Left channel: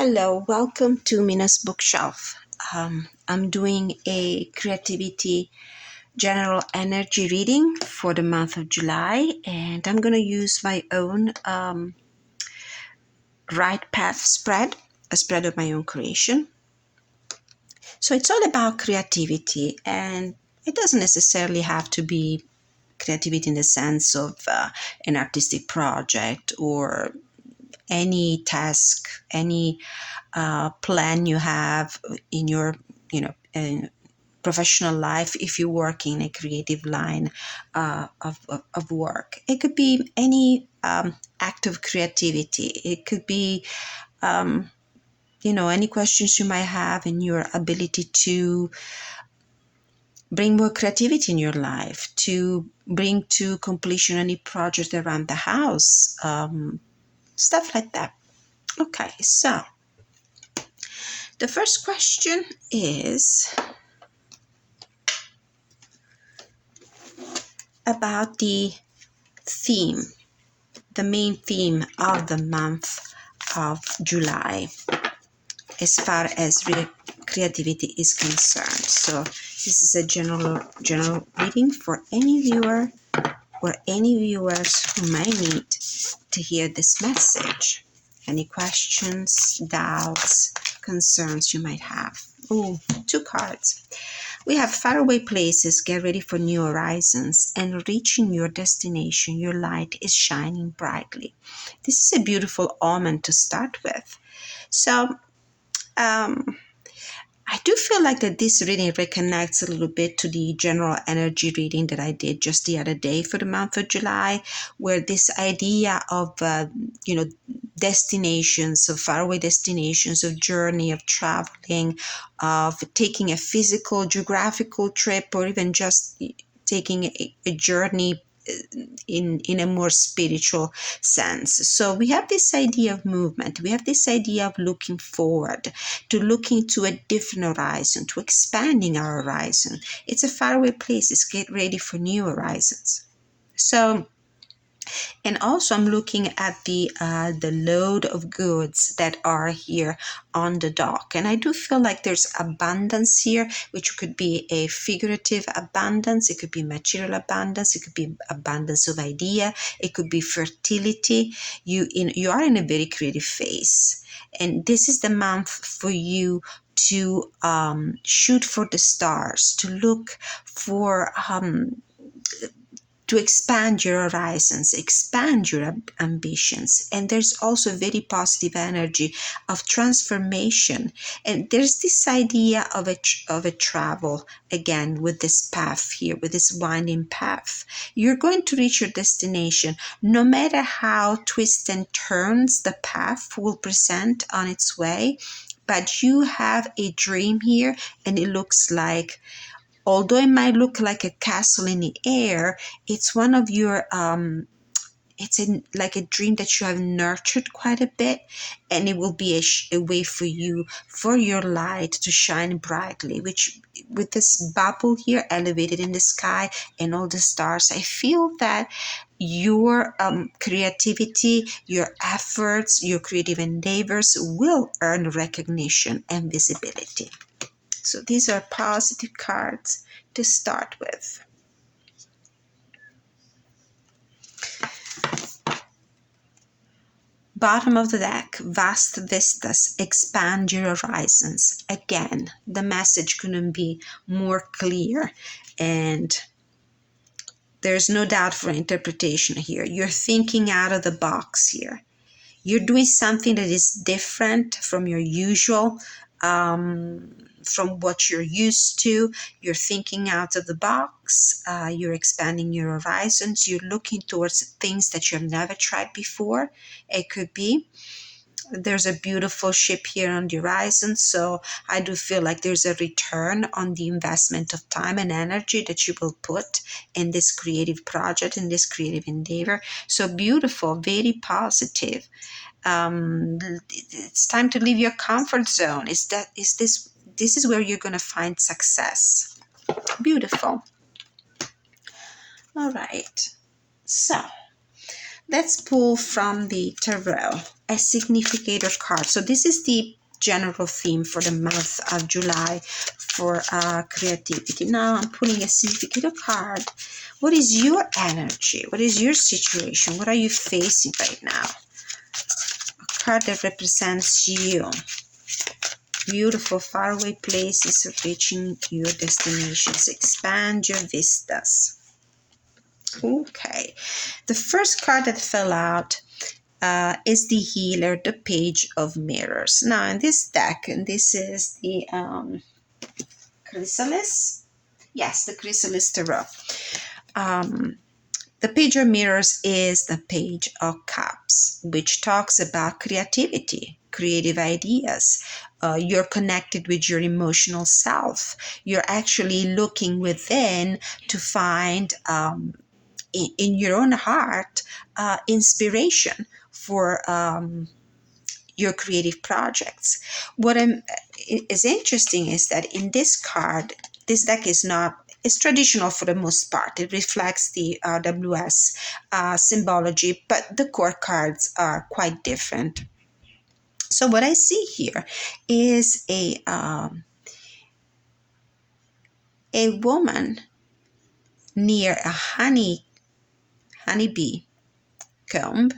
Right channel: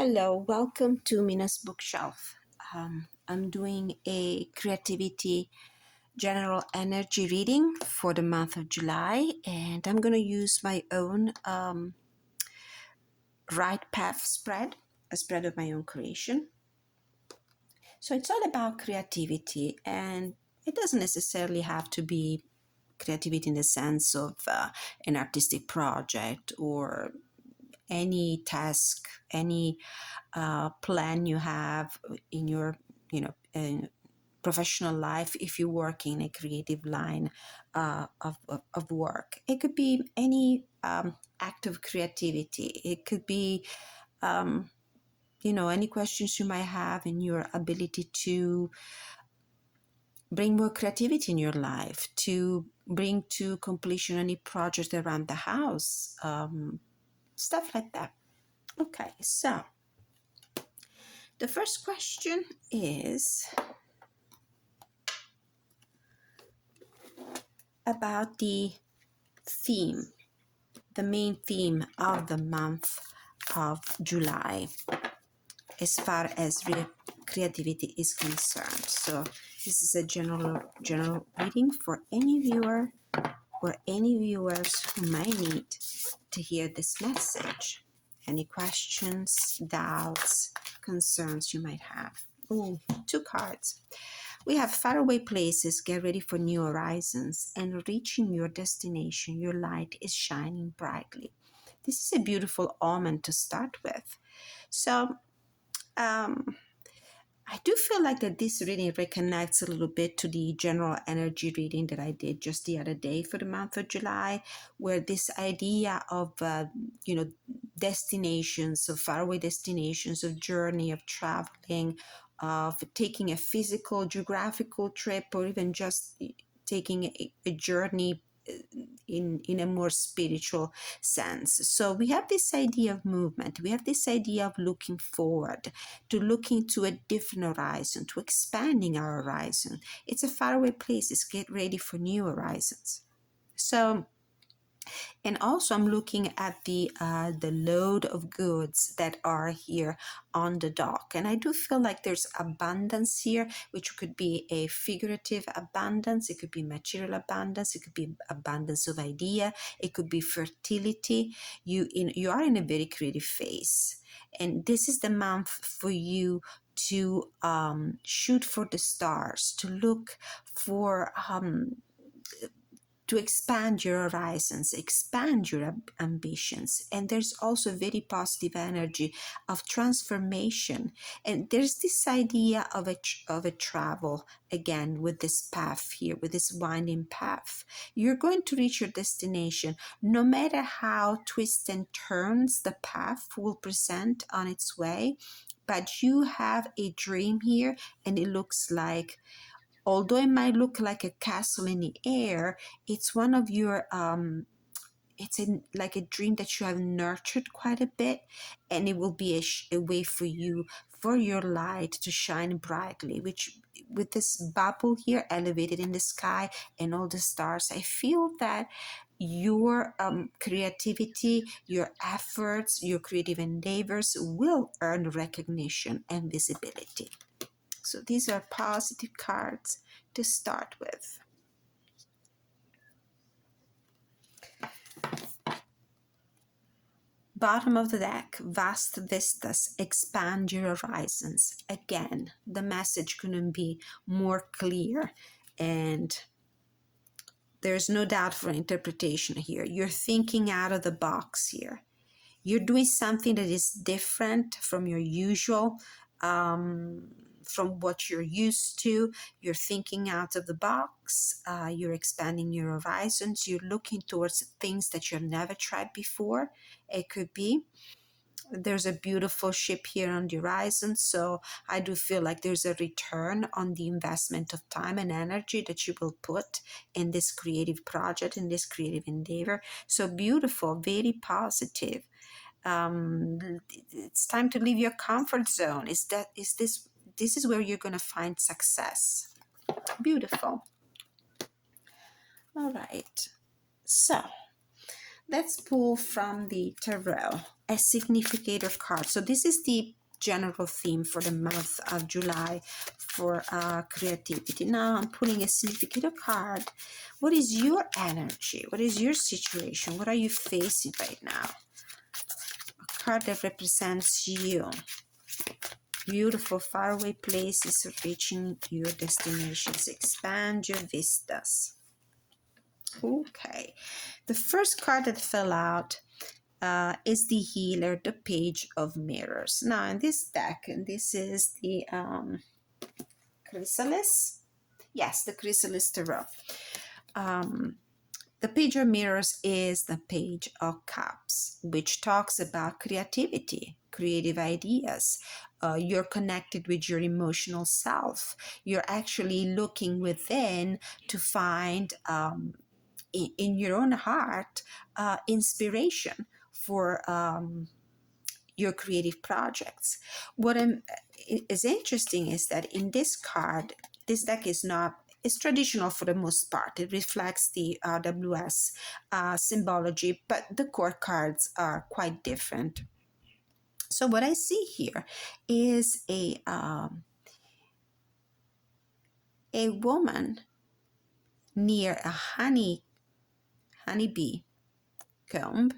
Hello, welcome to Mina's bookshelf. I'm doing a creativity general energy reading for the month of July, and I'm going to use my own right path spread, a spread of my own creation. So it's all about creativity, and it doesn't necessarily have to be creativity in the sense of an artistic project or any task, any plan you have in your, in professional life. If you work in a creative line of work, it could be any act of creativity. It could be, any questions you might have in your ability to bring more creativity in your life, to bring to completion any project around the house, stuff like that. Okay, so the first question is about the theme, the main theme of the month of July as far as creativity is concerned. So this is a general reading for any viewer or any viewers who might need to hear this message. Any questions, doubts, concerns you might have. Ooh, 2 cards. We have faraway places, get ready for new horizons, and reaching your destination, your light is shining brightly. This is a beautiful omen to start with. So, I do feel like that this reading reconnects a little bit to the general energy reading that I did just the other day for the month of July, where this idea of, destinations, of faraway destinations, of journey, of traveling, of taking a physical, geographical trip, or even just taking a journey in a more spiritual sense. So we have this idea of movement. We have this idea of looking forward, to looking to a different horizon, to expanding our horizon. It's a faraway place. It's get ready for new horizons. So, and also I'm looking at the load of goods that are here on the dock. And I do feel like there's abundance here, which could be a figurative abundance. It could be material abundance. It could be abundance of idea. It could be fertility. You are in a very creative phase. And this is the month for you to shoot for the stars, to look for to expand your horizons, expand your ambitions. And there's also very positive energy of transformation. And there's this idea of a travel, again, with this path here, with this winding path. You're going to reach your destination, no matter how twists and turns the path will present on its way. But you have a dream here, and it looks like, although it might look like a castle in the air, it's one of your, like a dream that you have nurtured quite a bit, and it will be a way for you, for your light to shine brightly, which with this bubble here elevated in the sky and all the stars, I feel that your creativity, your efforts, your creative endeavors will earn recognition and visibility. So these are positive cards to start with. Bottom of the deck, vast vistas, expand your horizons. Again, the message couldn't be more clear, and there's no doubt for interpretation here. You're thinking out of the box here. You're doing something that is different from your usual, from what you're used to. You're thinking out of the box. You're expanding your horizons. You're looking towards things that you've never tried before. It could be. There's a beautiful ship here on the horizon, so I do feel like there's a return on the investment of time and energy that you will put in this creative project, in this creative endeavor. So beautiful, very positive. It's time to leave your comfort zone. This is where you're going to find success. Beautiful. All right. So let's pull from the tarot a significator card. So this is the general theme for the month of July for creativity. Now I'm pulling a significator card. What is your energy? What is your situation? What are you facing right now? A card that represents you. Beautiful faraway places, reaching your destinations, expand your vistas. Okay, the first card that fell out is the healer, the page of mirrors. Now in this deck, and this is the Chrysalis, yes, the Chrysalis Tarot. The page of mirrors is the page of cups, which talks about creativity, creative ideas. You're connected with your emotional self. You're actually looking within to find in your own heart inspiration for your creative projects. What is interesting is that in this card, this deck is not, it's traditional for the most part. It reflects the RWS symbology, but the core cards are quite different. So what I see here is a woman near a honeybee comb,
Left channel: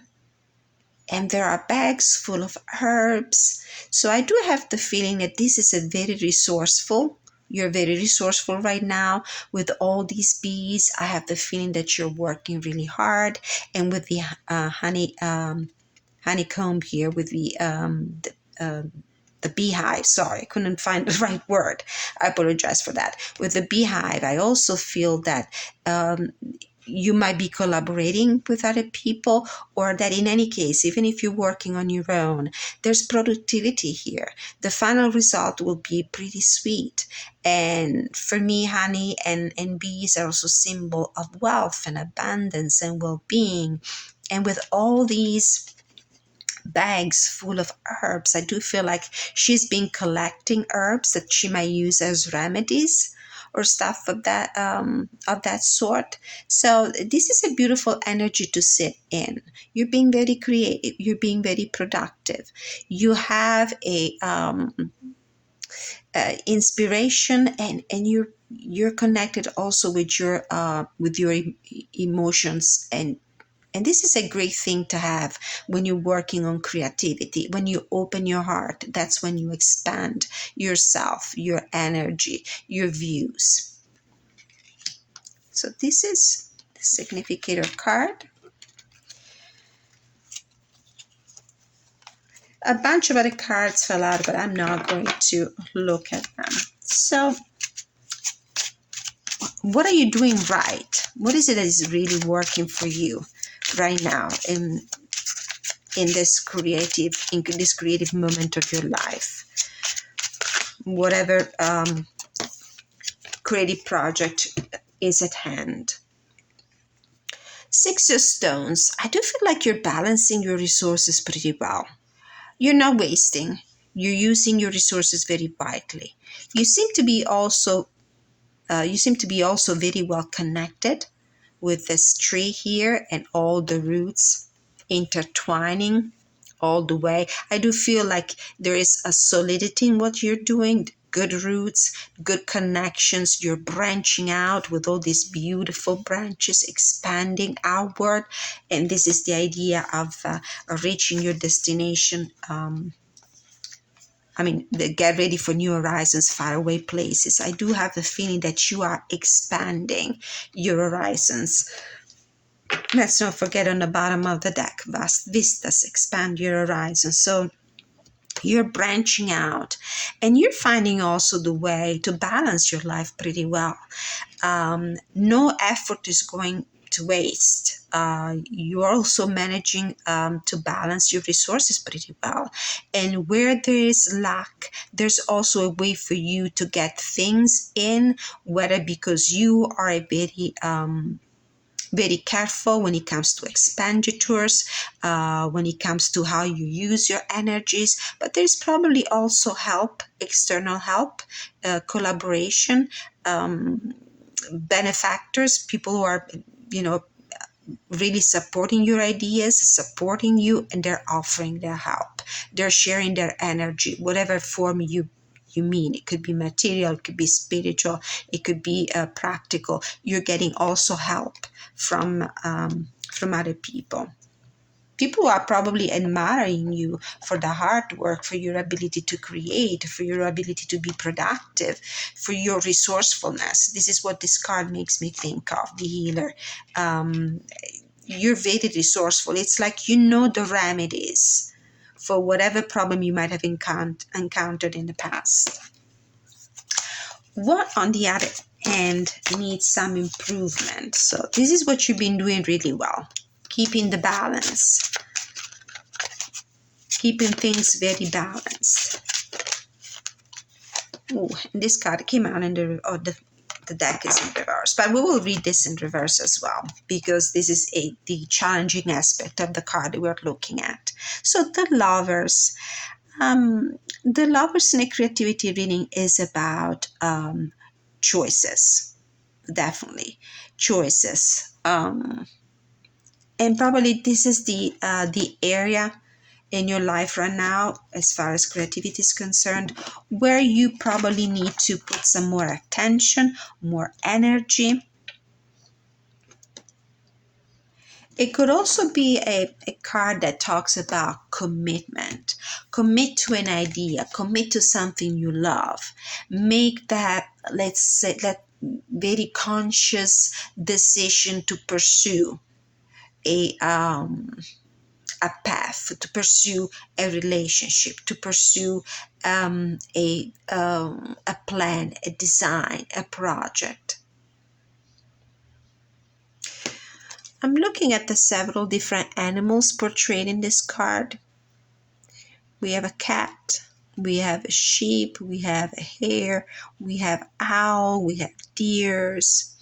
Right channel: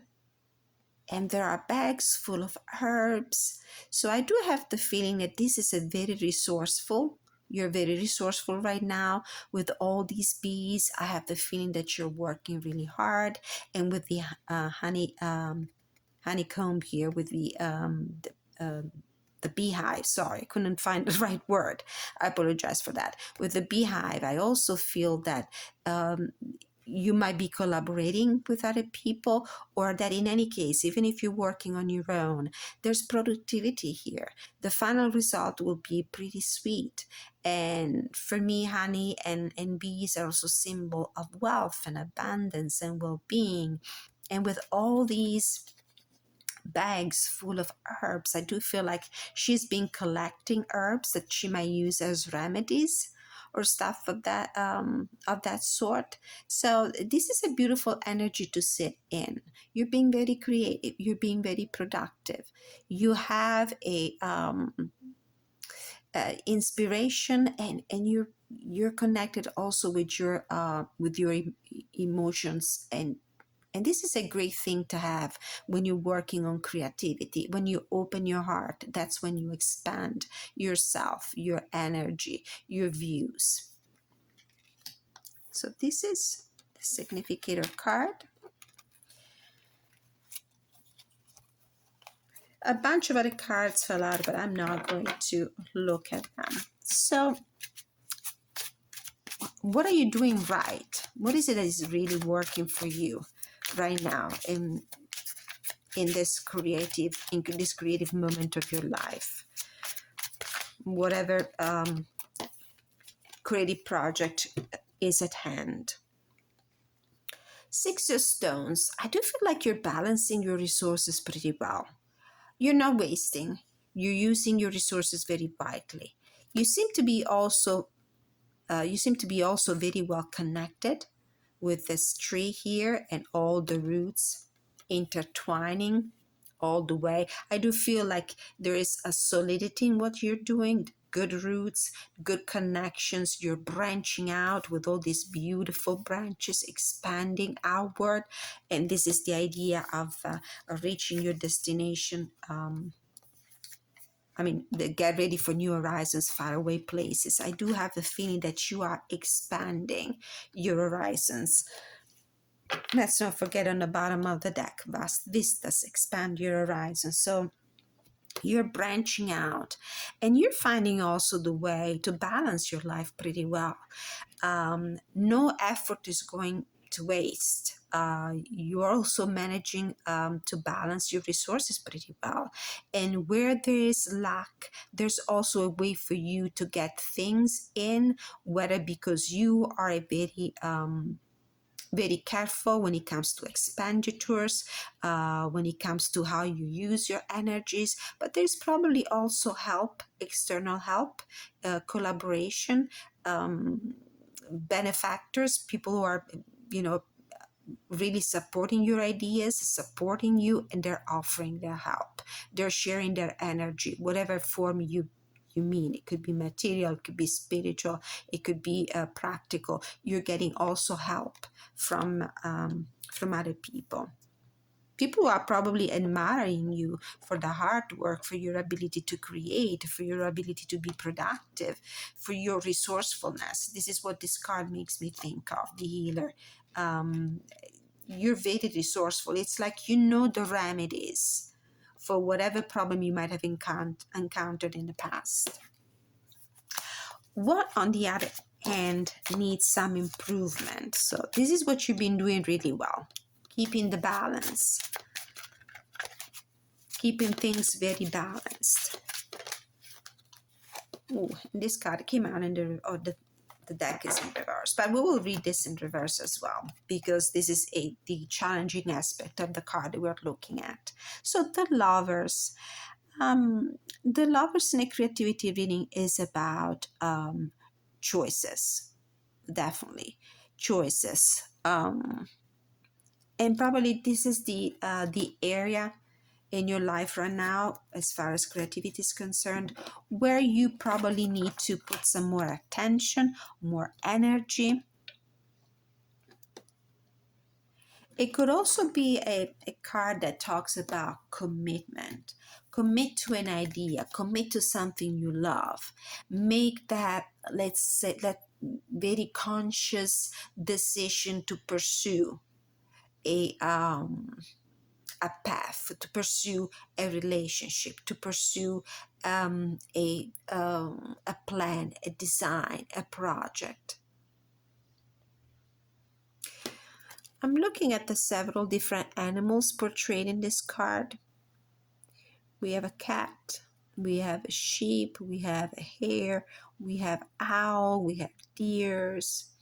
and there are bags full of herbs. So I do have the feeling that this is a very resourceful. You're very resourceful right now with all these bees. I have the feeling that you're working really hard, and with the honeycomb here, with the beehive. Sorry, I couldn't find the right word. I apologize for that. With the beehive, I also feel that you might be collaborating with other people, or that in any case, even if you're working on your own, there's productivity here. The final result will be pretty sweet. And for me, honey and bees are also symbol of wealth and abundance and well-being. And with all these bags full of herbs, I do feel like she's been collecting herbs that she might use as remedies or stuff of that sort. So this is a beautiful energy to sit in. You're being very creative. You're being very productive. You have a inspiration, and you're connected also with your emotions, and this is a great thing to have when you're working on creativity. When you open your heart, that's when you expand yourself, your energy, your views. So this is the significator card. A bunch of other cards fell out, but I'm not going to look at them. So what are you doing right? What is it that is really working for you right now in this creative moment of your life? Whatever creative project is at hand. Six of Stones. I do feel like you're balancing your resources pretty well. You're not wasting. You're using your resources very wisely. You seem to be also very well connected with this tree here and all the roots intertwining all the way. I do feel like there is a solidity in what you're doing, good roots, good connections. You're branching out with all these beautiful branches expanding outward. And this is the idea of reaching your destination. Get ready for new horizons, faraway places. I do have the feeling that you are expanding your horizons. Let's not forget on the bottom of the deck, vast vistas, expand your horizons. So you're branching out, and you're finding also the way to balance your life pretty well. No effort is going to waste. You're also managing to balance your resources pretty well. And where there is lack, there's also a way for you to get things in, whether because you are a very careful when it comes to expenditures, when it comes to how you use your energies. But there's probably also help, external help, collaboration, benefactors, people who are, really supporting your ideas, supporting you, and they're offering their help. They're sharing their energy, whatever form you mean. It could be material, it could be spiritual, it could be practical. You're getting also help from other people. People are probably admiring you for the hard work, for your ability to create, for your ability to be productive, for your resourcefulness. This is what this card makes me think of, the healer. Um, you're very resourceful. It's like you know the remedies for whatever problem you might have encountered in the past. What, on the other hand, needs some improvement? So this is what you've been doing really well, keeping the balance, keeping things very balanced. Ooh, this card came out in the deck is in reverse, but we will read this in reverse as well, because this is the challenging aspect of the card we're looking at. So the lovers. The lovers in a creativity reading is about choices, definitely choices. And probably this is the area in your life right now, as far as creativity is concerned, where you probably need to put some more attention, more energy. It could also be a card that talks about commitment. Commit to an idea, commit to something you love. Make that, let's say, that very conscious decision to pursue a path, to pursue a relationship, to pursue a plan, a design, a project. I'm looking at the several different animals portrayed in this card. We have a cat, we have a sheep, we have a hare, we have owl, we have deers,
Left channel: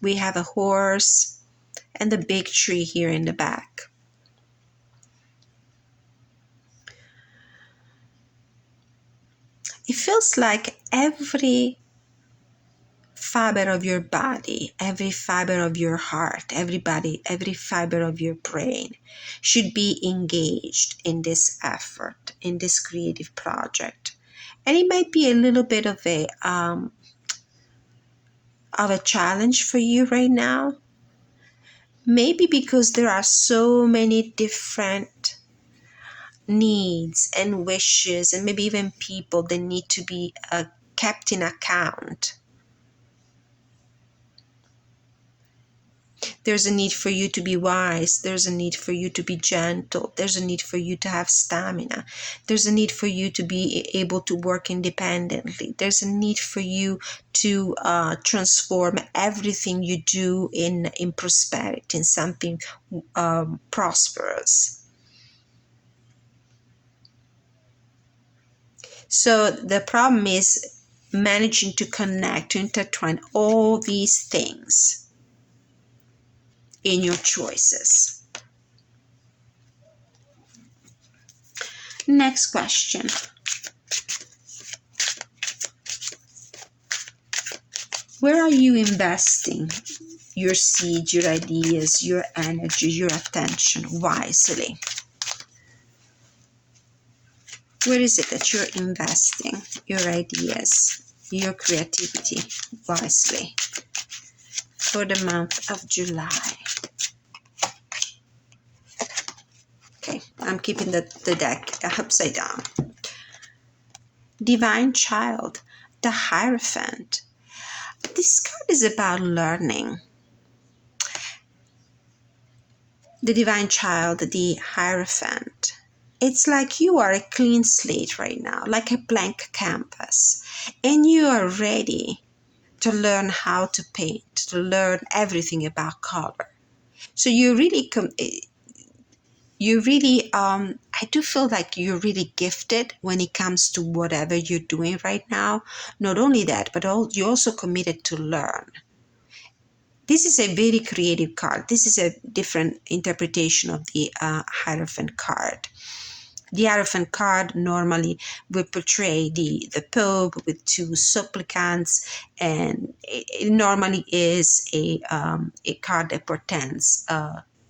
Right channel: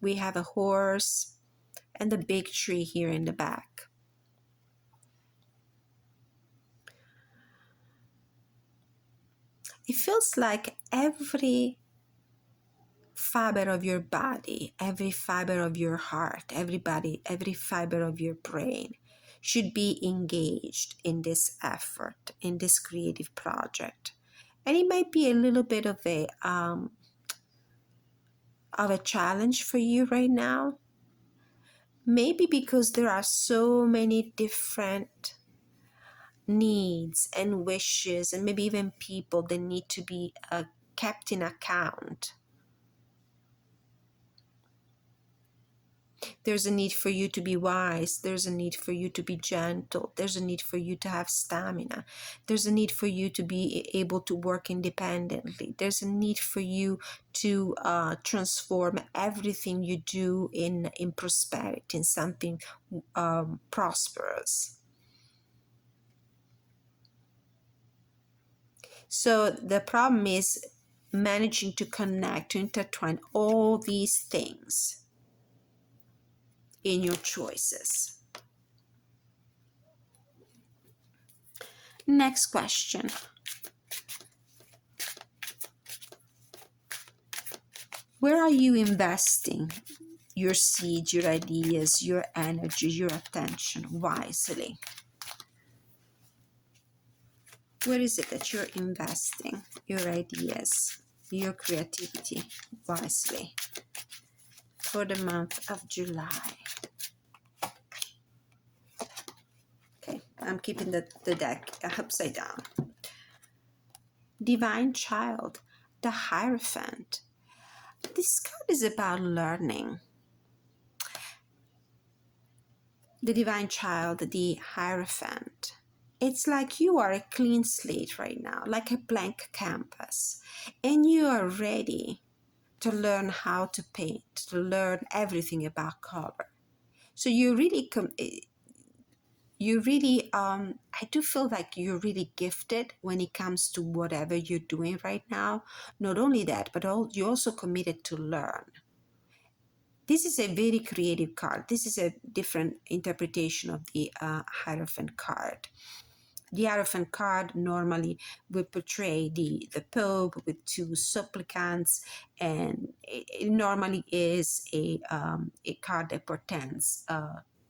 we have a horse, and the big tree here in the back. It feels like every fiber of your body, every fiber of your heart, every fiber of your brain should be engaged in this effort, in this creative project. And it might be a little bit of a challenge for you right now. Maybe because there are so many different needs and wishes, and maybe even people that need to be kept in account. There's a need for you to be wise. There's a need for you to be gentle. There's a need for you to have stamina. There's a need for you to be able to work independently. There's a need for you to transform everything you do in prosperity, in something prosperous. So the problem is managing to connect, to intertwine all these things in your choices. Next question. Where are you investing your seeds, your ideas, your energy, your attention wisely? Where is it that you're investing your ideas, your creativity wisely for the month of July? Okay, I'm keeping the deck upside down. Divine Child, the Hierophant. This card is about learning. The Divine Child, the Hierophant. It's like you are a clean slate right now, like a blank canvas, and you are ready to learn how to paint, to learn everything about color. So I do feel like you're really gifted when it comes to whatever you're doing right now. Not only that, but you're also committed to learn. This is a very creative card. This is a different interpretation of the Hierophant card. The Hierophant card normally will portray the Pope with two supplicants, and it normally is a card that portends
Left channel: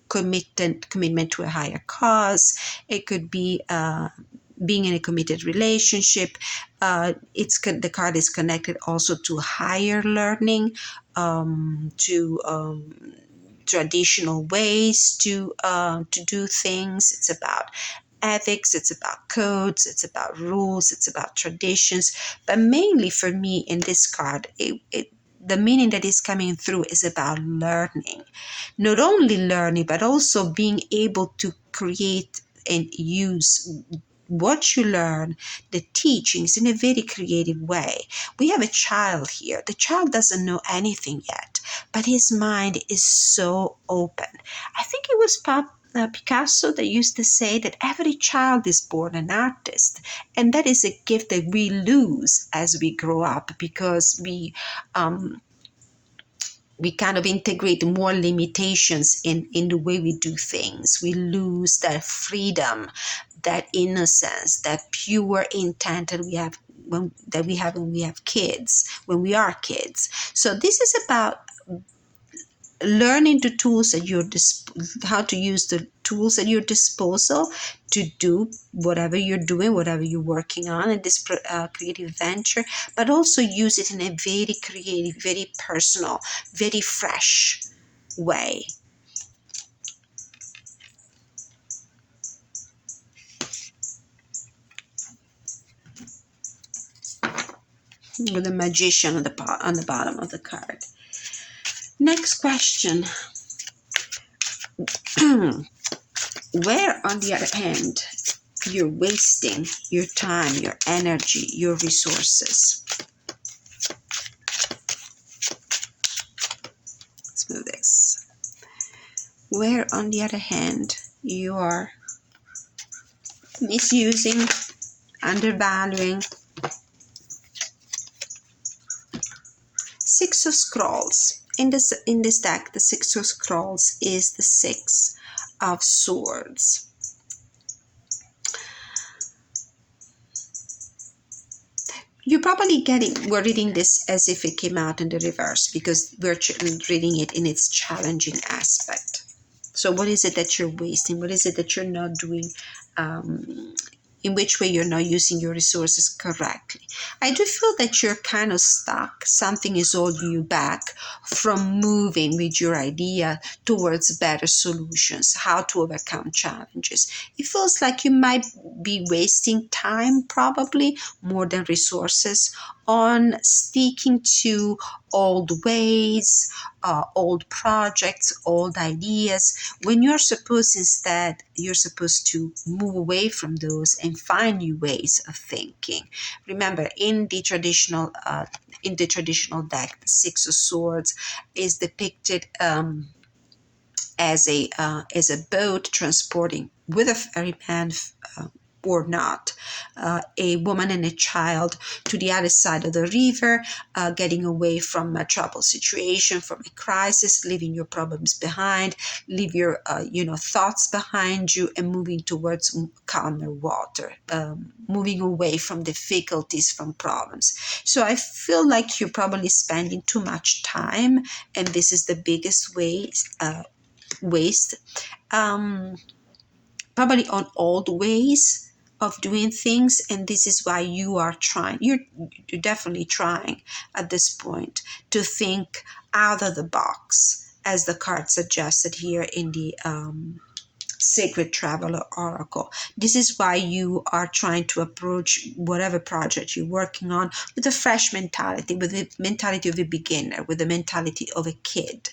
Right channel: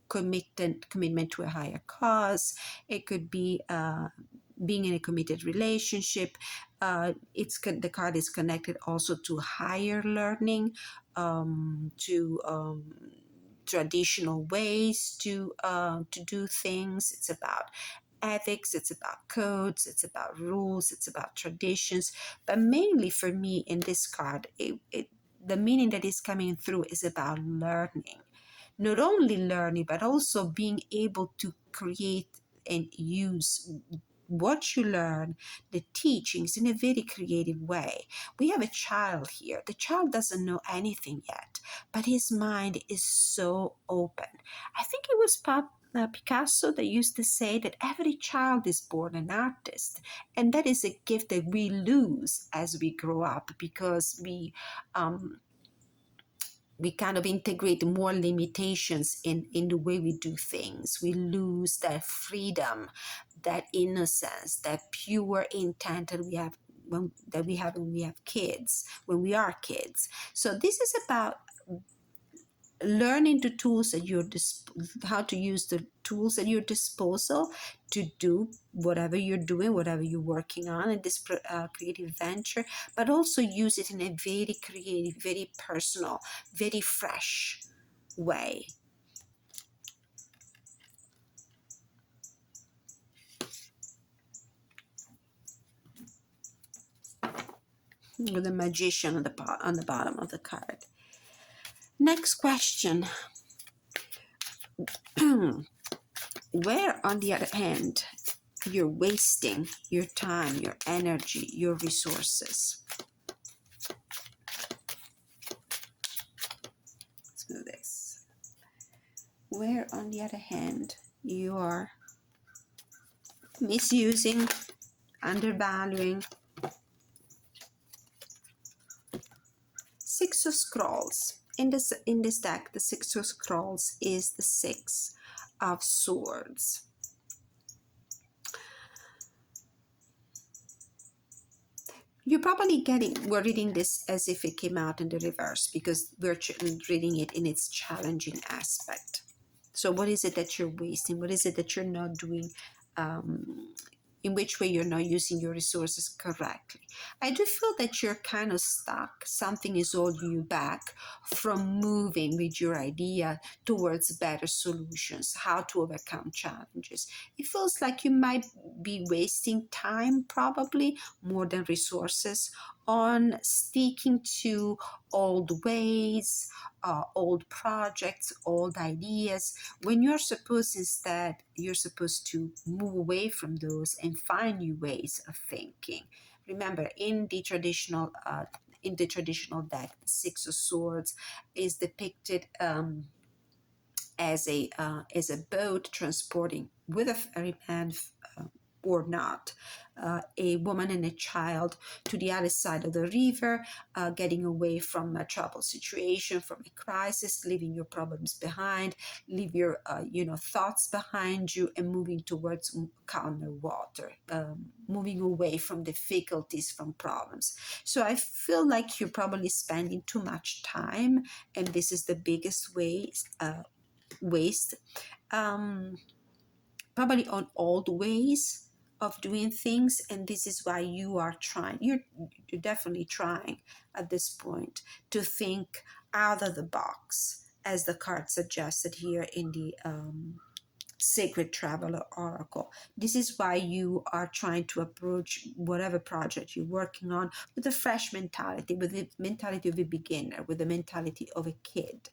commitment to a higher cause. It could be being in a committed relationship. The card is connected also to higher learning, to traditional ways to do things. It's about ethics, it's about codes, it's about rules, it's about traditions. But mainly for me in this card, the meaning that is coming through is about learning. Not only learning, but also being able to create and use what you learn, the teachings, in a very creative way. We have a child here. The child doesn't know anything yet, but his mind is so open. I think it was Picasso that used to say that every child is born an artist, and that is a gift that we lose as we grow up, because we kind of integrate more limitations in the way we do things. We lose that freedom, that innocence, that pure intent that we have when we have kids, when we are kids. So this is about learning the tools at your how to use the tools at your disposal to do whatever you're doing, whatever you're working on in this creative venture, but also use it in a very creative, very personal, very fresh way. With the Magician on the bottom of the card. Next question. Where, on the other hand, you're wasting your time, your energy, your resources? Let's move this. Where, on the other hand, you are misusing, undervaluing. Six of Scrolls. In this deck, the Six of Scrolls is the Six of Swords. You're probably we're reading this as if it came out in the reverse, because we're reading it in its challenging aspect. So what is it that you're wasting? What is it that you're not doing? In which way you're not using your resources correctly? I do feel that you're kind of stuck. Something is holding you back from moving with your idea towards better solutions, how to overcome challenges. It feels like you might be wasting time, probably more than resources, on sticking to old ways, old projects, old ideas, when you're supposed to move away from those and find new ways of thinking. Remember, in the traditional deck, the Six of Swords is depicted as a boat transporting, with a ferryman or not, a woman and a child to the other side of the river, getting away from a troubled situation, from a crisis, leaving your problems behind, leave your thoughts behind you, and moving towards calmer water, moving away from difficulties, from problems. So I feel like you're probably spending too much time, and this is the biggest waste, probably on old ways of doing things. And this is why you're definitely trying at this point to think out of the box, as the card suggested here in the Sacred Traveler Oracle. This is why you are trying to approach whatever project you're working on with a fresh mentality, with the mentality of a beginner, with the mentality of a kid.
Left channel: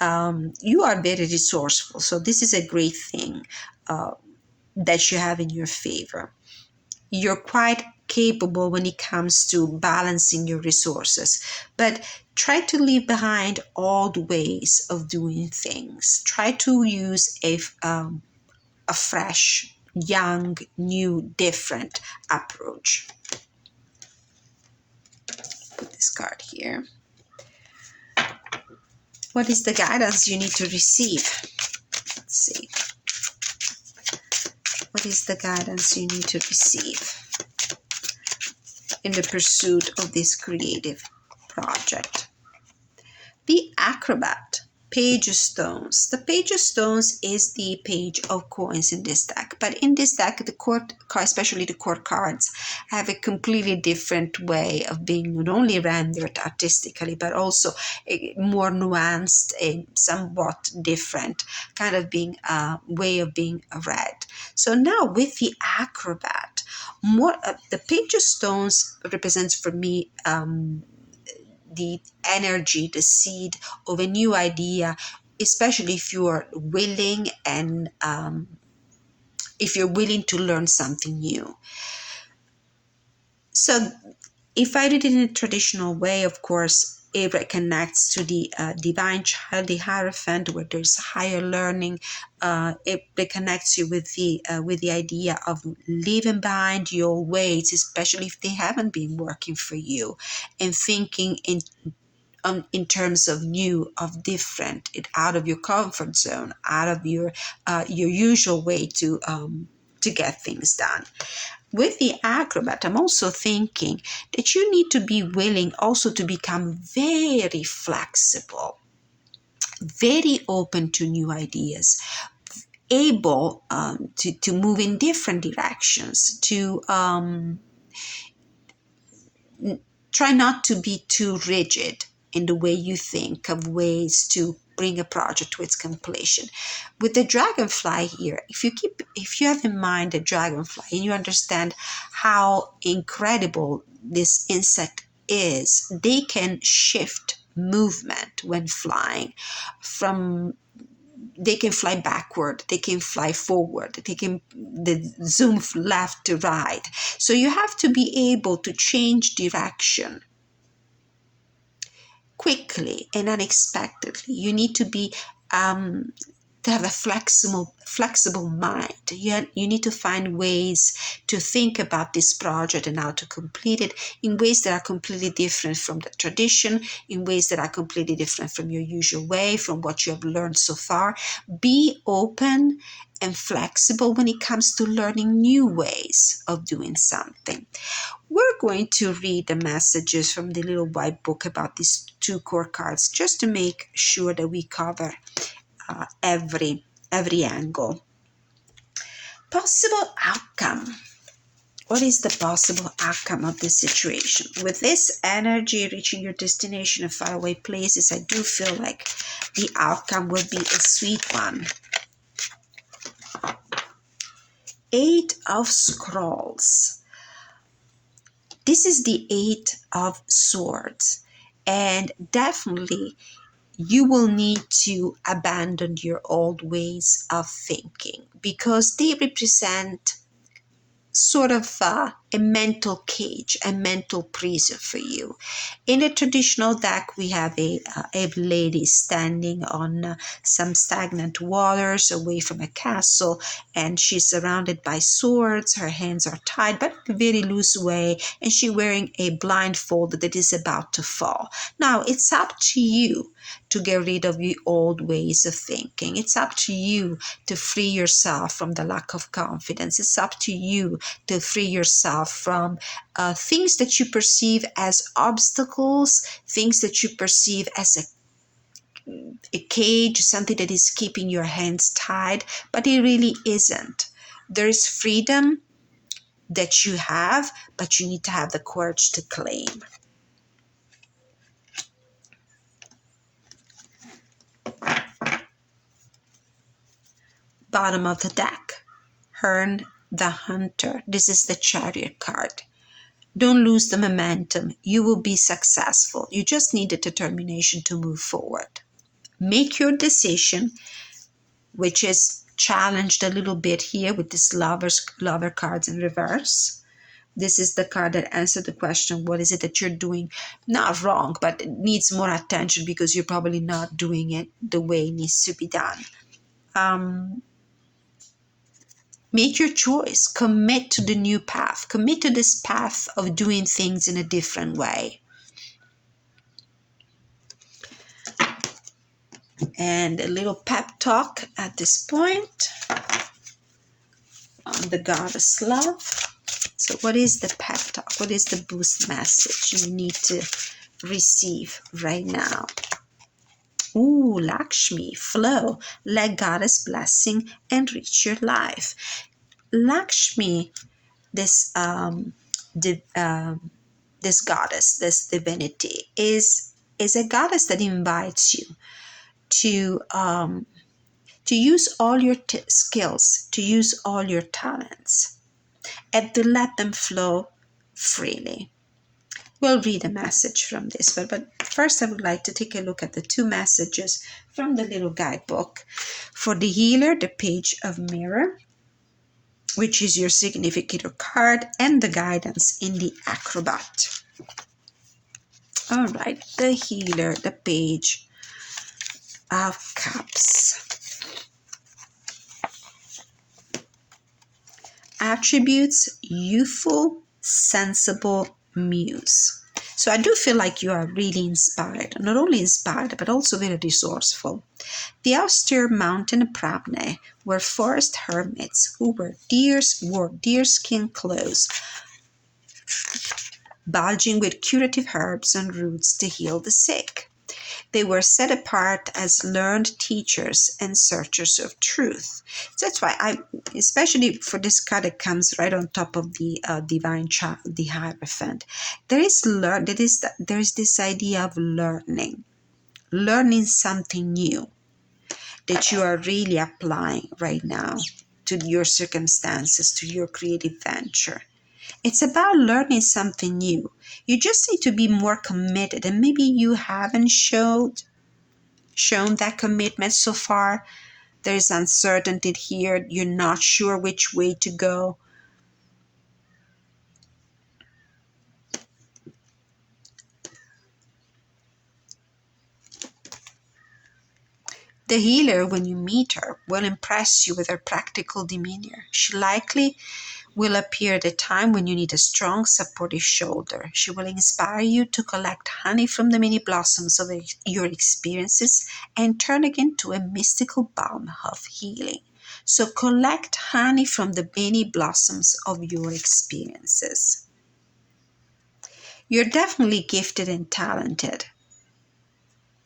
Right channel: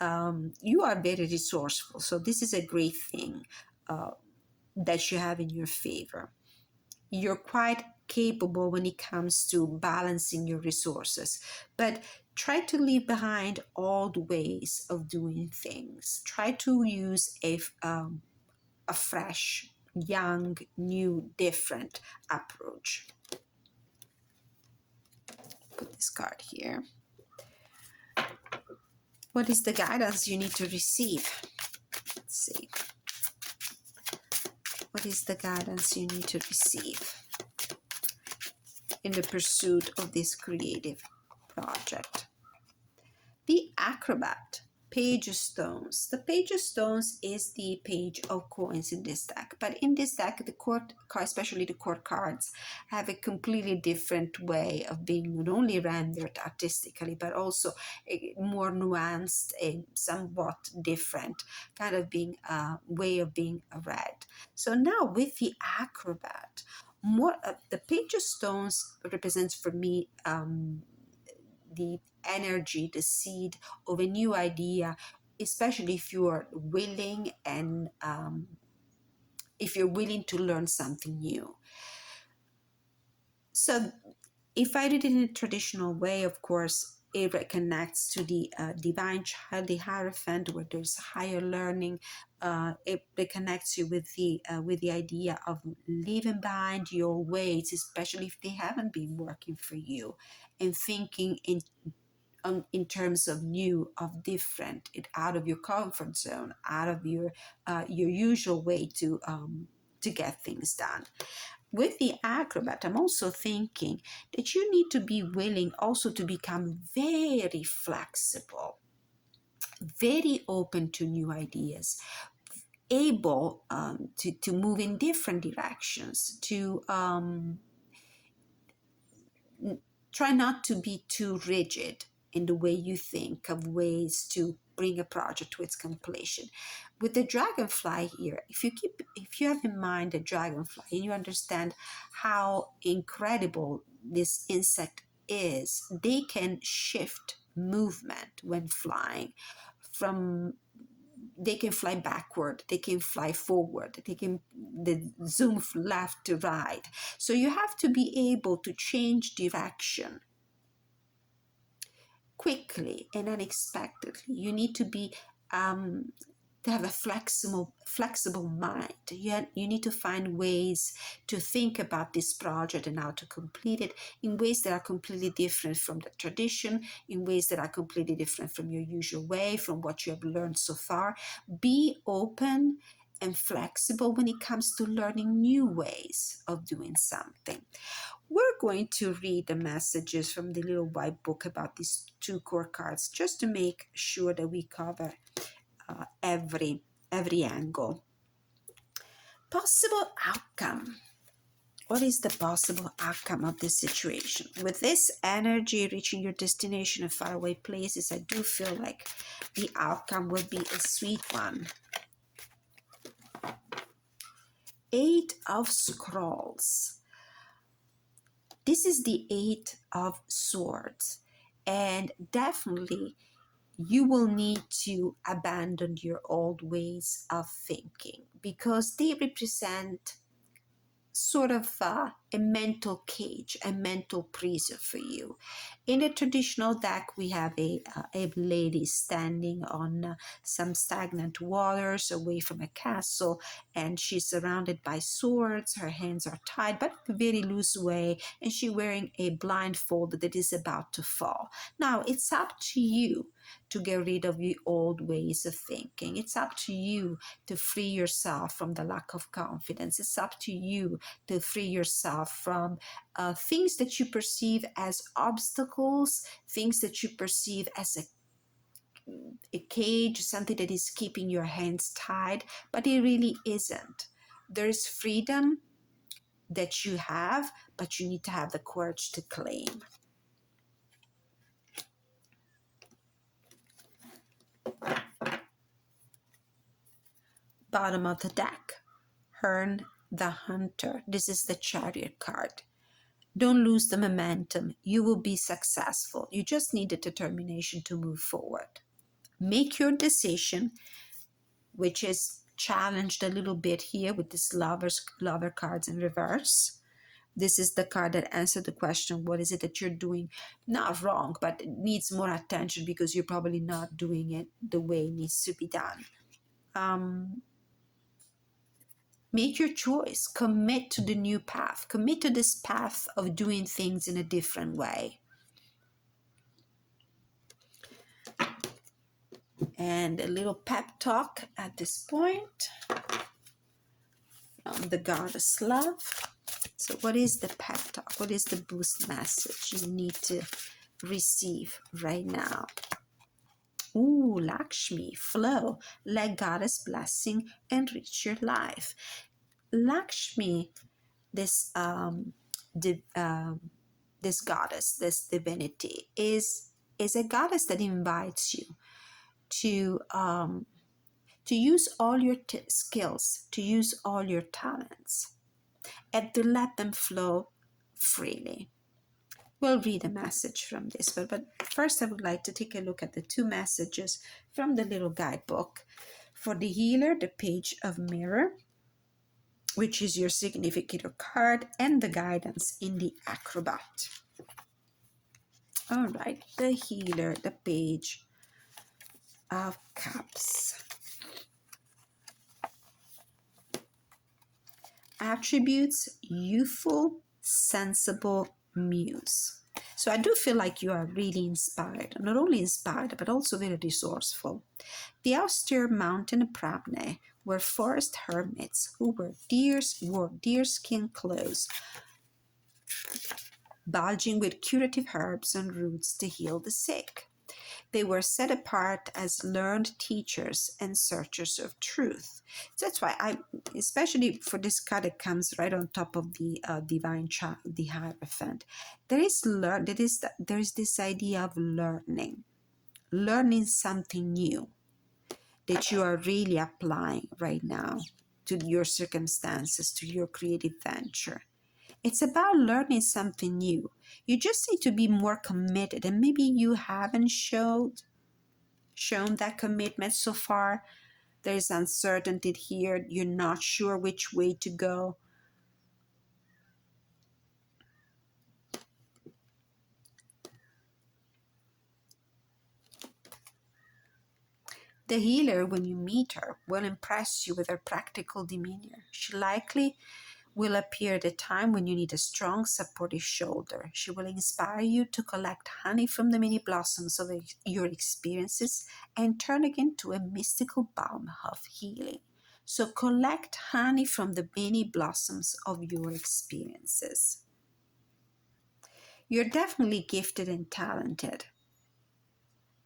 You are very resourceful, so this is a great thing that you have in your favor. You're quite capable when it comes to balancing your resources, but try to leave behind old ways of doing things. Try to use a fresh, young, new, different approach. Put this card here. What is the guidance you need to receive? Let's see. What is the guidance you need to receive in the pursuit of this creative project? The Acrobat, Page of Stones. The Page of Stones is the page of coins in this deck. But in this deck, the court, especially the court cards, have a completely different way of being not only rendered artistically, but also a more nuanced and somewhat different kind of being way of being read. So now with the Acrobat, more the Page of Stones represents for me the energy, the seed of a new idea, especially if you are willing and if you're willing to learn something new. So if I did it in a traditional way, of course, it connects to the divine child, the Hierophant, where there's higher learning. It connects you with the idea of leaving behind your ways, especially if they haven't been working for you, and thinking in terms of new, of different, out of your comfort zone, out of your usual way to get things done. With the Acrobat, I'm also thinking that you need to be willing also to become very flexible, very open to new ideas, able to move in different directions, to try not to be too rigid in the way you think of ways to bring a project to its completion. With the dragonfly here, if you have in mind the dragonfly and you understand how incredible this insect is, they can shift movement when flying. They can fly backward, they can fly forward, they can zoom left to right. So you have to be able to change direction quickly and unexpectedly. You need to be to have a flexible mind. You need to find ways to think about this project and how to complete it in ways that are completely different from the tradition, in ways that are completely different from your usual way, from what you have learned so far. Be open and flexible when it comes to learning new ways of doing something. We're going to read the messages from the little white book about these two core cards, just to make sure that we cover every angle. Possible outcome. What is the possible outcome of this situation? With this energy reaching your destination of faraway places, I do feel like the outcome will be a sweet one. 8 of Scrolls. This is the 8 of Swords, and definitely you will need to abandon your old ways of thinking, because they represent sort of a mental cage, a mental prison for you. In a traditional deck, we have a lady standing on some stagnant waters away from a castle, and she's surrounded by swords. Her hands are tied, but in a very loose way, and she's wearing a blindfold that is about to fall. Now, it's up to you to get rid of your old ways of thinking. It's up to you to free yourself from the lack of confidence. It's up to you to free yourself from things that you perceive as obstacles, things that you perceive as a cage, something that is keeping your hands tied, but it really isn't. There is freedom that you have, but you need to have the courage to claim. Bottom of the deck, Herne the Hunter. This is the Chariot card. Don't lose the momentum. You will be successful. You just need the determination to move forward. Make your decision, which is challenged a little bit here with this lover cards in reverse. This is the card that answered the question, what is it that you're doing? Not wrong, but it needs more attention because you're probably not doing it the way it needs to be done. Make your choice. Commit to the new path. Commit to this path of doing things in a different way. And a little pep talk at this point. the goddess love. So what is the pep talk? What is the boost message you need to receive right now? Ooh, Lakshmi, flow. Let goddess blessing enrich your life. Lakshmi, this this goddess, this divinity, is a goddess that invites you to use all your skills, to use all your talents, and to let them flow freely. We'll read a message from this, but first I would like to take a look at the two messages from the little guidebook. For the healer, the page of mirror, which is your significator card, and the guidance in the acrobat. All right, the healer, the page of cups. Attributes: youthful, sensible muse. So I do feel like you are really inspired, not only inspired, but also very resourceful. The austere mountain Prabne were forest hermits who wore deerskin clothes, bulging with curative herbs and roots to heal the sick. They were set apart as learned teachers and searchers of truth. So that's why especially for this card that comes right on top of the divine child, the Hierophant, there is this idea of learning something new that you are really applying right now to your circumstances, to your creative venture. It's about learning something new. You just need to be more committed, and maybe you haven't shown that commitment so far. There's uncertainty here. You're not sure which way to go. The healer, when you meet her, will impress you with her practical demeanor. She likely will appear at a time when you need a strong, supportive shoulder. She will inspire you to collect honey from the many blossoms of your experiences and turn it into a mystical balm of healing. So collect honey from the many blossoms of your experiences. You're definitely gifted and talented.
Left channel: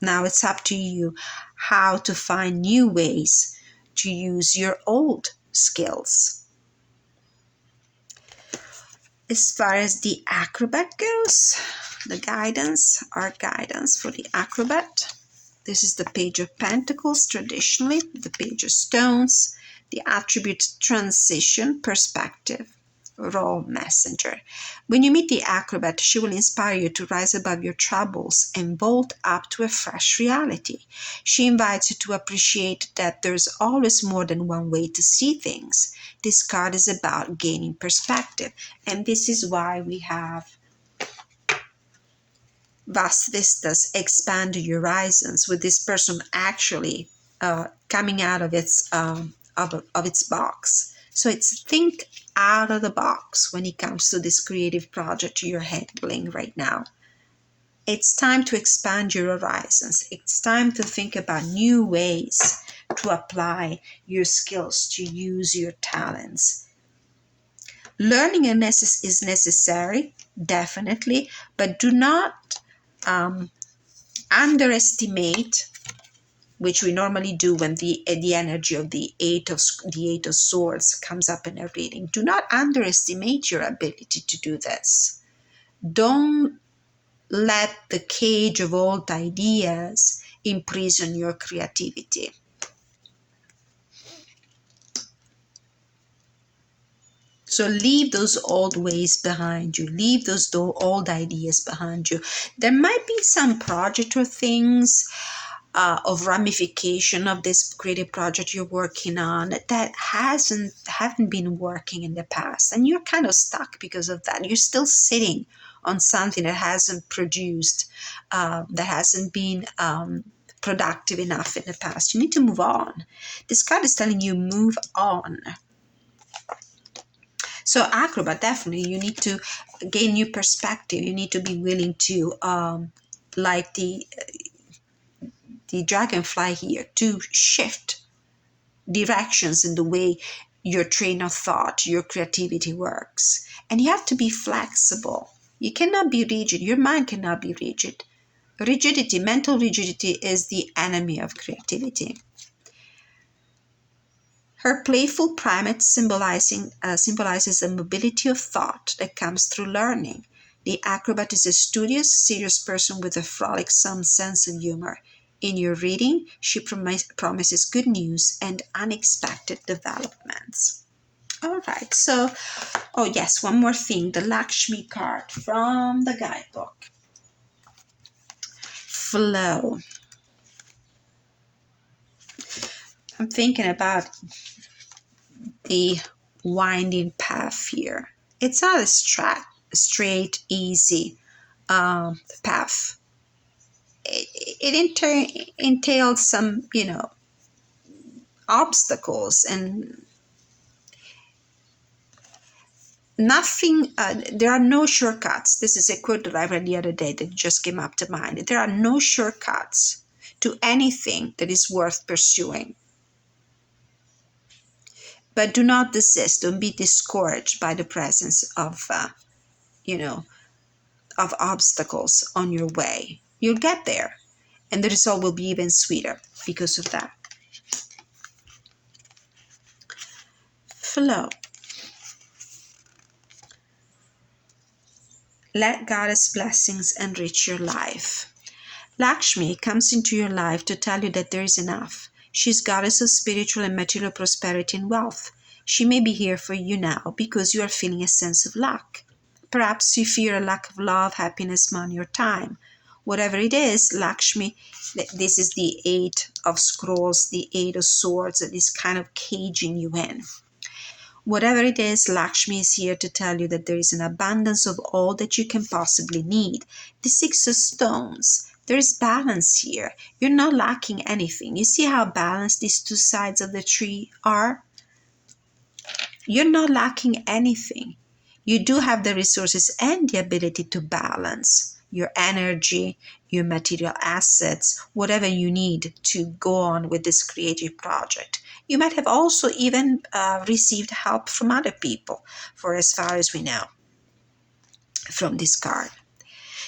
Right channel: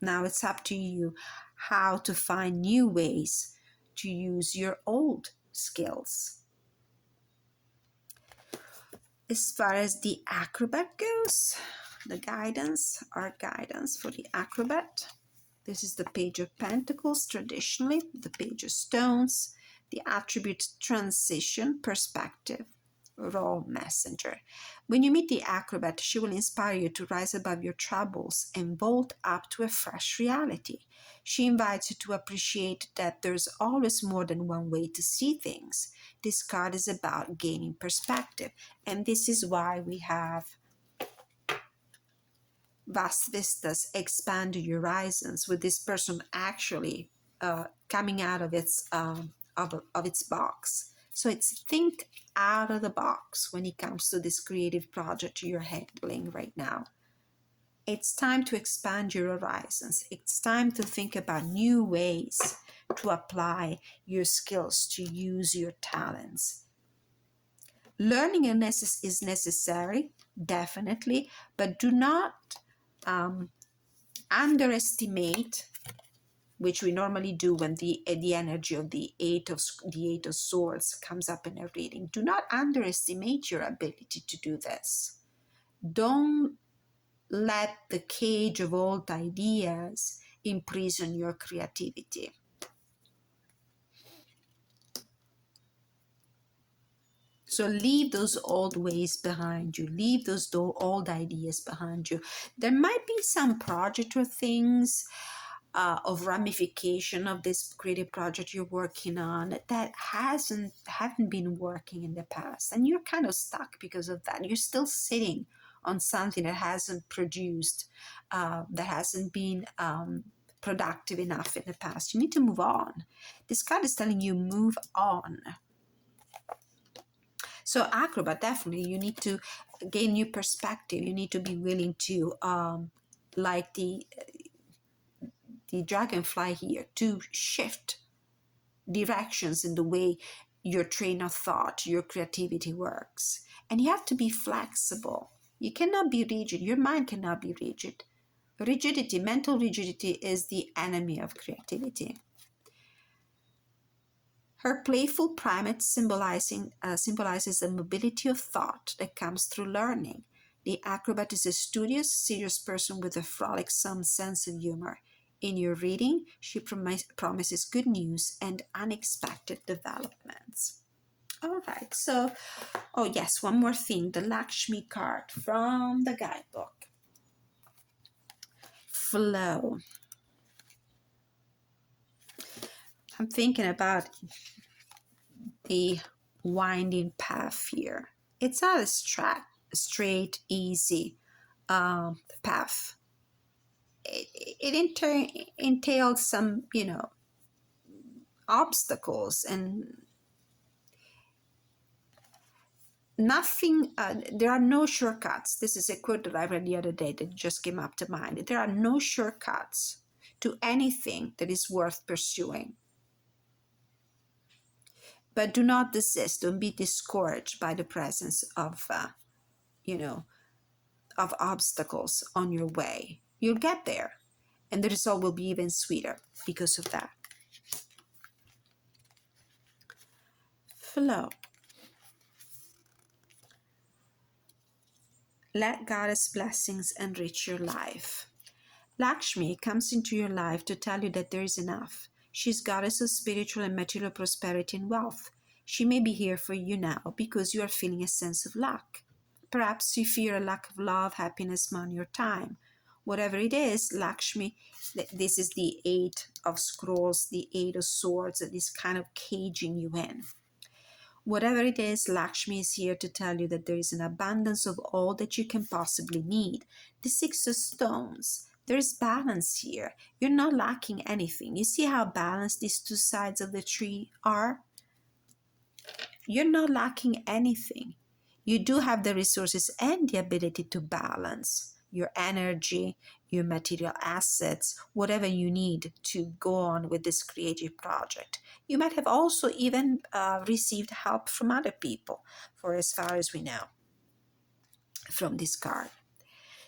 Now it's up to you how to find new ways to use your old skills. As far as the acrobat goes, our guidance for the acrobat. This is the page of pentacles, traditionally, the page of stones, the attribute transition, perspective, role messenger. When you meet the acrobat, she will inspire you to rise above your troubles and vault up to a fresh reality. She invites you to appreciate that there's always more than one way to see things. This card is about gaining perspective, and this is why we have vast vistas, expand your horizons, with this person actually coming out of its box. So it's think out of the box when it comes to this creative project you're handling right now. It's time to expand your horizons. It's time to think about new ways to apply your skills, to use your talents. Learning is necessary, definitely, but do not underestimate, which we normally do when the energy of the eight of swords comes up in a reading. Do not underestimate your ability to do this. Don't let the cage of old ideas imprison your creativity. So leave those old ways behind you. Leave those old ideas behind you. There might be some project or things of ramification of this creative project you're working on that haven't been working in the past, and you're kind of stuck because of that. You're still sitting on something that hasn't produced, that hasn't been productive enough in the past. You need to move on. This card is telling you move on. So acrobat, definitely you need to gain new perspective. You need to be willing to like the dragonfly here, to shift directions in the way your train of thought, your creativity works. And you have to be flexible. You cannot be rigid. Your mind cannot be rigid. Rigidity, mental rigidity, is the enemy of creativity. Her playful primate symbolizes the mobility of thought that comes through learning. The acrobat is a studious, serious person with a frolicsome sense of humor. In your reading, she promises good news and unexpected developments. All right, so, oh yes, one more thing, the Lakshmi card from the guidebook. Flow. I'm thinking about the winding path here. It's not a straight, easy path. It entails some, obstacles and nothing. There are no shortcuts. This is a quote that I read the other day that just came up to mind. There are no shortcuts to anything that is worth pursuing. But do not desist. Don't be discouraged by the presence of, of obstacles on your way. You'll get there, and the result will be even sweeter because of that. Flow. Let Goddess blessings enrich your life. Lakshmi comes into your life to tell you that there is enough. She's goddess of spiritual and material prosperity and wealth. She may be here for you now because you are feeling a sense of lack. Perhaps you fear a lack of love, happiness, money, or time. Whatever it is, Lakshmi, this is the Eight of Scrolls, the Eight of Swords, that is kind of caging you in. Whatever it is, Lakshmi is here to tell you that there is an abundance of all that you can possibly need. The Six of Stones. There is balance here. You're not lacking anything. You see how balanced these two sides of the tree are? You're not lacking anything. You do have the resources and the ability to balance your energy, your material assets, whatever you need to go on with this creative project. You might have also even received help from other people, for as far as we know, from this card.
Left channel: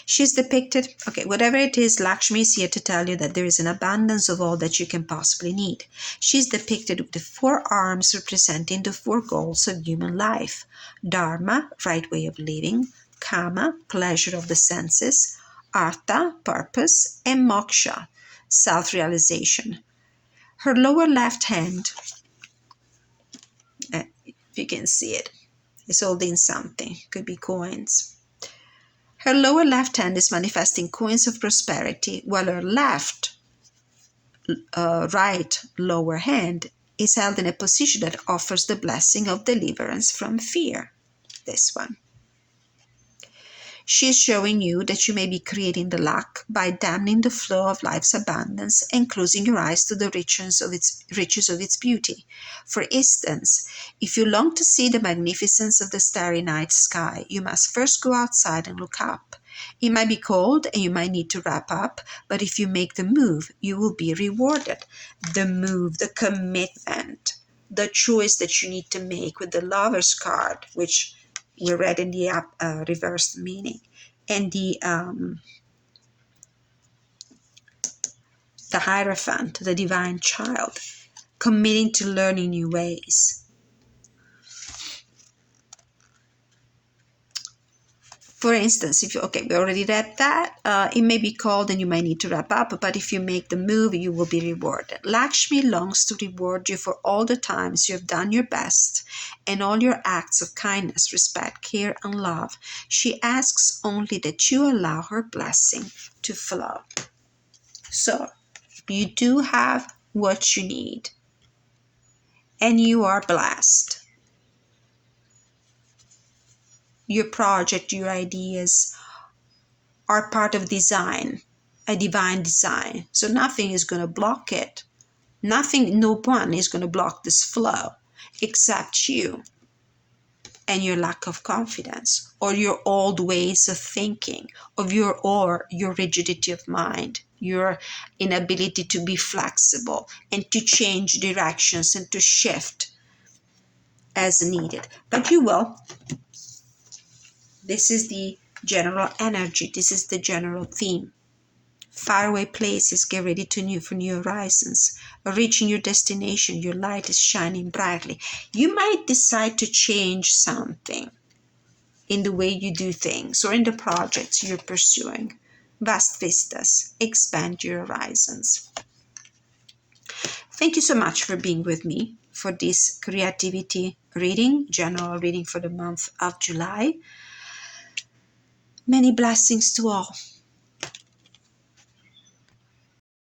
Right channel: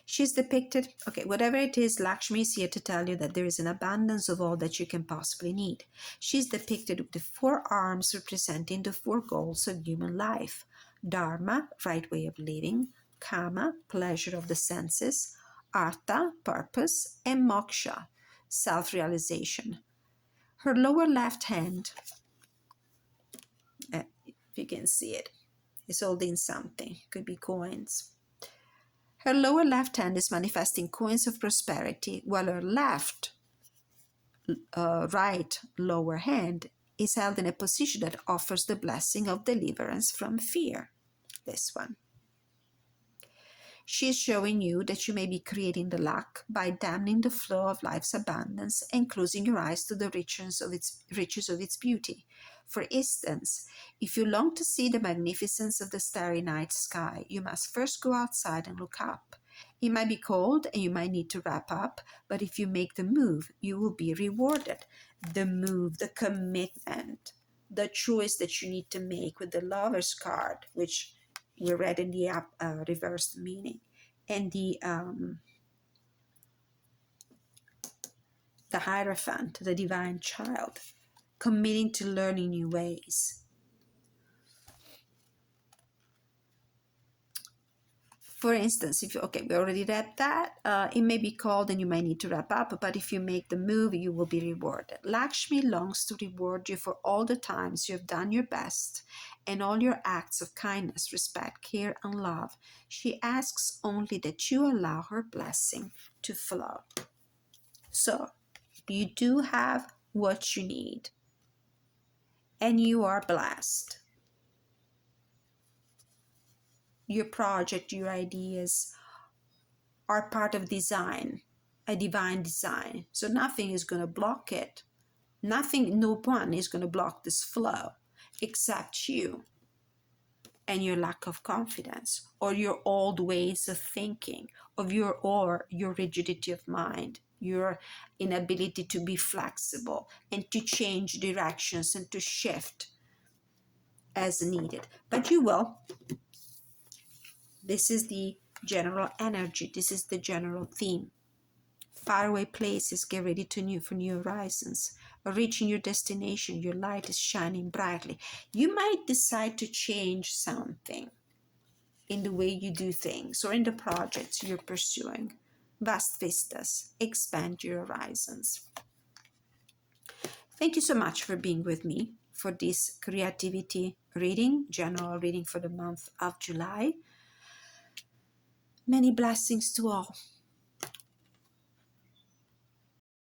She's depicted, whatever it is, Lakshmi is here to tell you that there is an abundance of all that you can possibly need. She's depicted with the 4 arms representing the 4 goals of human life. Dharma, right way of living. Kama, pleasure of the senses. Artha, purpose. And Moksha, self-realization. Her lower left hand, if you can see it, is holding something. Could be coins. Her lower left hand is manifesting coins of prosperity, while her right lower hand is held in a position that offers the blessing of deliverance from fear. This one. She is showing you that you may be creating the lack by damming the flow of life's abundance and closing your eyes to the riches of its beauty. For instance, if you long to see the magnificence of the starry night sky, you must first go outside and look up. It might be cold and you might need to wrap up, but if you make the move, you will be rewarded. The move, the commitment, the choice that you need to make with the Lover's card, which we read in the reversed meaning, and the Hierophant, the divine child, committing to learning new ways. For instance, if you, we already read that, it may be cold and you might need to wrap up, but if you make the move, you will be rewarded. Lakshmi longs to reward you for all the times you have done your best and all your acts of kindness, respect, care, and love. She asks only that you allow her blessing to flow. So, you do have what you need, and you are blessed. Your project, your ideas are part of design, a divine design. So nothing is going to block it. No one is going to block this flow except you and your lack of confidence, or your old ways of thinking, or your rigidity of mind, your inability to be flexible and to change directions and to shift as needed, but you will. This is the general energy. This is the general theme. Faraway places, get ready for new horizons. Reaching your destination, your light is shining brightly. You might decide to change something in the way you do things or in the projects you're pursuing. Vast vistas, expand your horizons. Thank you so much for being with me for this creativity reading, general reading for the month of July. Many blessings to all.